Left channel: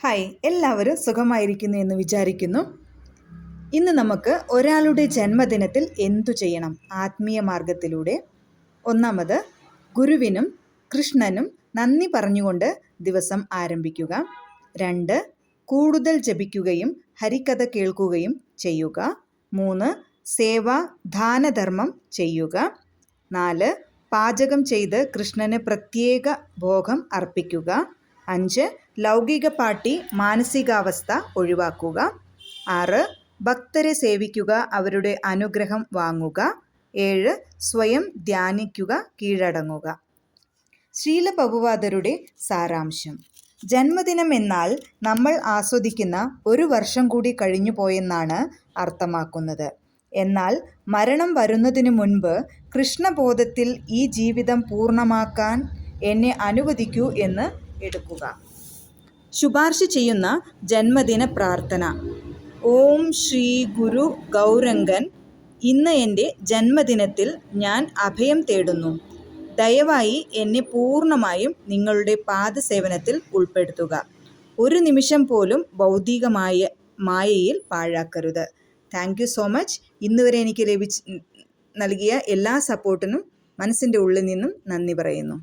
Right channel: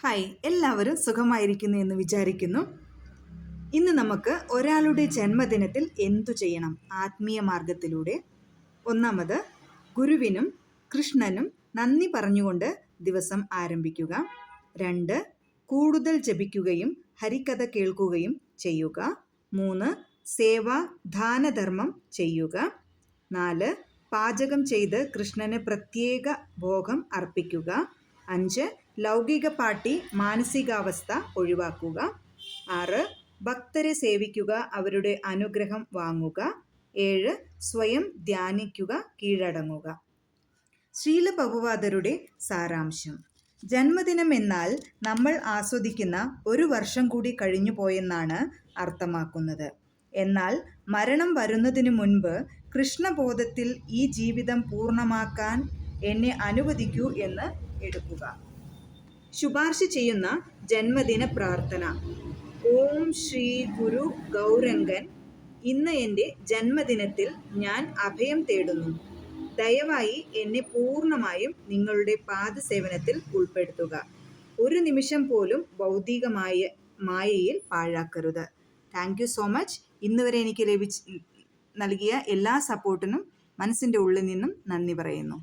Hi, എല്ലാവരും സുഖമായിരിക്കുന്നു എന്ന് വിചാരിക്കുന്നു. ഇന്ന് നമുക്ക് ഒരാളുടെ ജന്മദിനത്തിൽ എന്തു ചെയ്യണം ആത്മീയ മാർഗത്തിലൂടെ. ഒന്നാമത്, ഗുരുവിനും കൃഷ്ണനും നന്ദി പറഞ്ഞുകൊണ്ട് ദിവസം ആരംഭിക്കുക. 2, കൂടുതൽ ജപിക്കുകയും ഹരികഥ കേൾക്കുകയും ചെയ്യുക. 3, സേവ ദാനധർമ്മം ചെയ്യുക. 4, പാചകം ചെയ്ത് കൃഷ്ണന് പ്രത്യേക ഭോഗം അർപ്പിക്കുക. 5, ലൗകിക പാർട്ടി മാനസികാവസ്ഥ ഒഴിവാക്കുക. 6, ഭക്തരെ സേവിക്കുക, അവരുടെ അനുഗ്രഹം വാങ്ങുക. 7, സ്വയം ധ്യാനിക്കുക, കീഴടങ്ങുക. ശ്രീല പ്രഭുപാദരുടെ സാരാംശം: ജന്മദിനം എന്നാൽ നമ്മൾ ആസ്വദിക്കുന്ന ഒരു വർഷം കൂടി കഴിഞ്ഞു പോയെന്നാണ് അർത്ഥമാക്കുന്നത്. എന്നാൽ മരണം വരുന്നതിനു മുൻപ് കൃഷ്ണബോധത്തിൽ ഈ ജീവിതം പൂർണ്ണമാക്കാൻ എന്നെ അനുവദിക്കൂ എന്ന് എടുക്കുക. ശുപാർശ ചെയ്യുന്ന ജന്മദിന പ്രാർത്ഥന: ഓം ശ്രീ ഗുരു ഗൗരംഗൻ, ഇന്ന് എൻ്റെ ജന്മദിനത്തിൽ ഞാൻ അഭയം തേടുന്നു. ദയവായി എന്നെ പൂർണ്ണമായും നിങ്ങളുടെ പാദസേവനത്തിൽ ഉൾപ്പെടുത്തുക. ഒരു നിമിഷം പോലും ഭൗതികമായ മായയിൽ പാഴാക്കരുത്. Thank you so much. ഇന്നുവരെ എനിക്ക് നൽകിയ എല്ലാ സപ്പോർട്ടിനും മനസ്സിൻ്റെ ഉള്ളിൽ നിന്നും നന്ദി പറയുന്നു.